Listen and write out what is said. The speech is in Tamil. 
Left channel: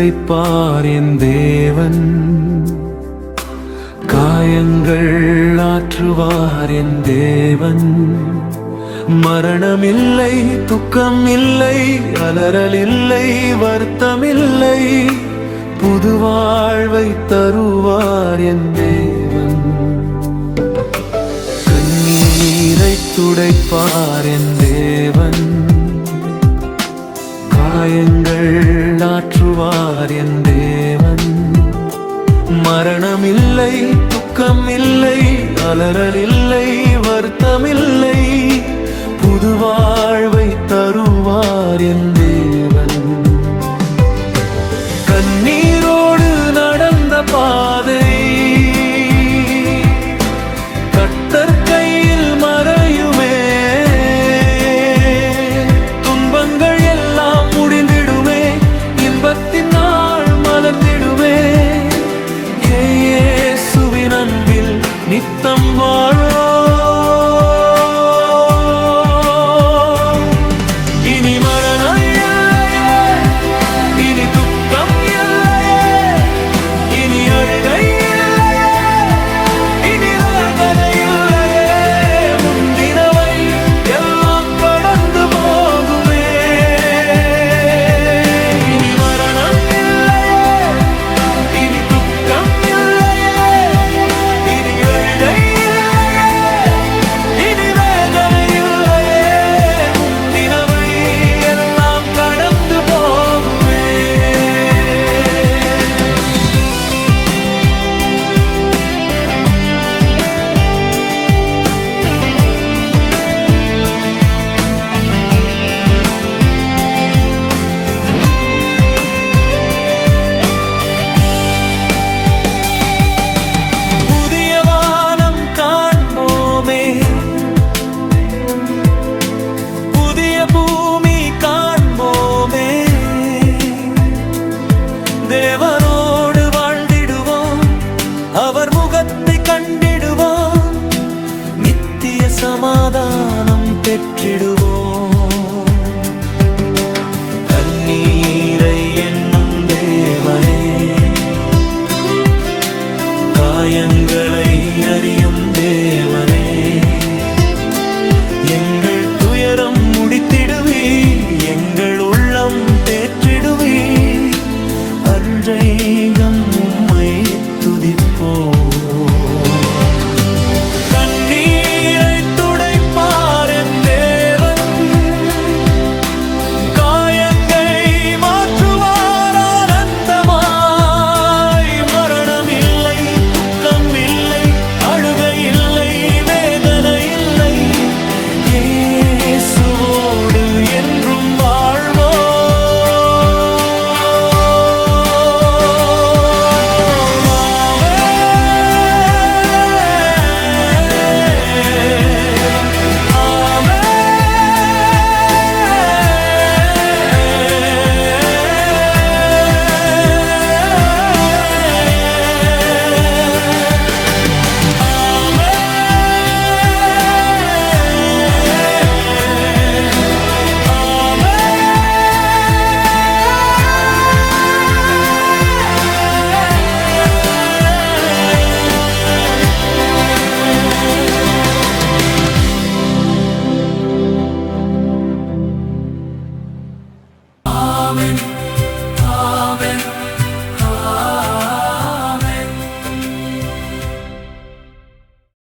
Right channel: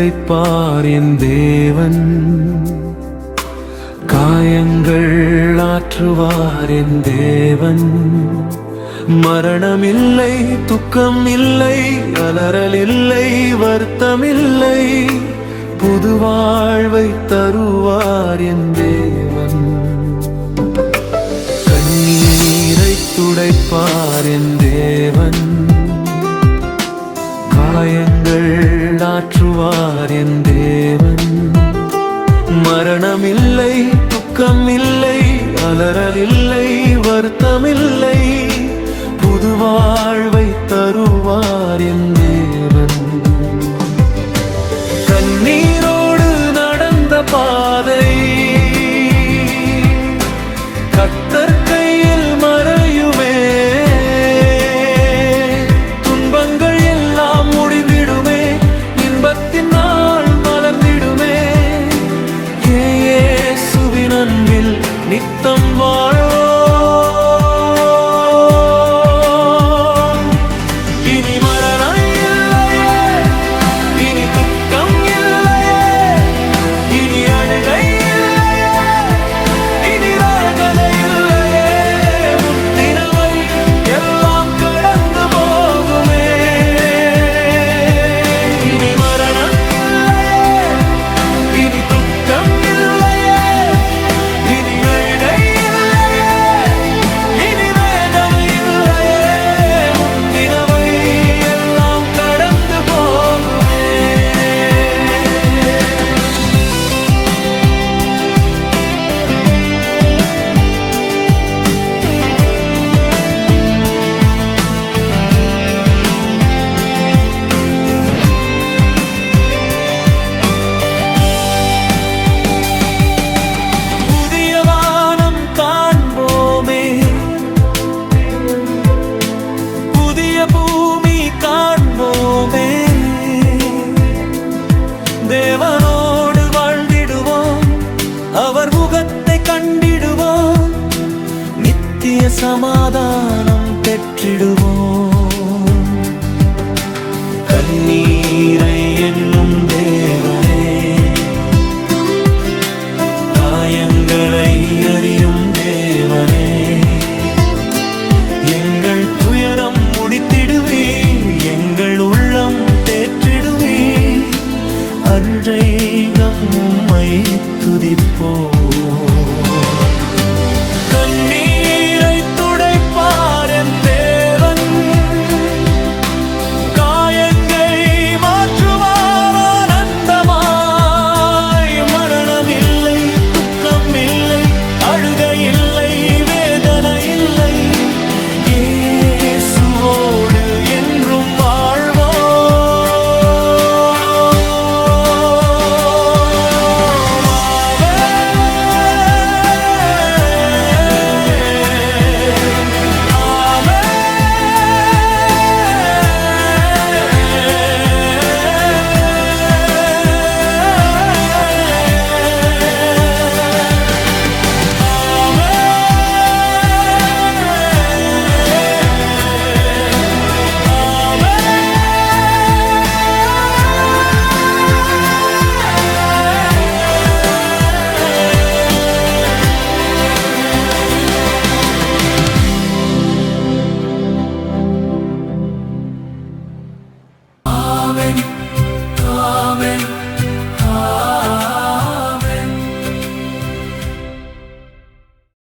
துடைப்பார் என் தேவன், காயங்கள் ஆற்றுவார் என் தேவன். மரணமில்லை, துக்கம் இல்லை, அலறல் இல்லை, வருத்தமில்லை, புது வாழ்வை தருவார் என் தேவன். கண்ணீரை துடைப்பார் என் தேவன், காயங்கள் ஆற்றுவார் என் தேவன். மரணமில்லை, துக்கம் இல்லை, அலறல் இல்லை, வருத்தமில்லை, புது வாழ்வை தருவார் என் தேவன். கண்ணீரோடு நடந்த பாதை கர்த்தர் கையில் மறையுமே, துன்பங்கள் எல்லாம் முடிந்திடுமே, இன்பத்தின் நாள் மலர்ந்திடுமே. இயேசுவின் அன்பில் நித்தம் வாழோ, இனி மரணம் இல்லையே, இனி துக்கம் இல்லையே, இனி அழுகை இல்லையே, இனி வேதனை இல்லையே, முந்தினவை எல்லாம் கடந்து போகுமே. இனி மரணம் இல்லையே, இனி துக்கம் இல்லையே, இனி அழுகை இல்லையே, இனி வேதனை இல்லையே, முந்தினவை எல்லாம் கடந்து போகுமே. புதிய வானம் காண்போமே, புதிய பூமி காண்போமே, தேவனோடு வாழ்ந்திடுவோம், அவர் முகத்தை கண்டிடுவோம், நித்திய சமாதானம் பெற்றிடுவோம். கண்ணீரை என்னும் தேவனே, காயங்களை அறியும் தேவனே, எங்கள் துயரம் முடித்திடுவி, எங்கள் உள்ளம் தேற்றிடுவி, அன்றைகம் உம்மை துதிப்போ. கண்ணீரை துடைப்பார் என் தேவன், காயங்கள் மாற்றுவார் ஆனந்தமாய். மரணமில்லை, துக்கம் இல்லை, அழுகை இல்லை, வேதனை இல்லை, இயேசுவோடு என்றும் வாழ்வோம். Amen.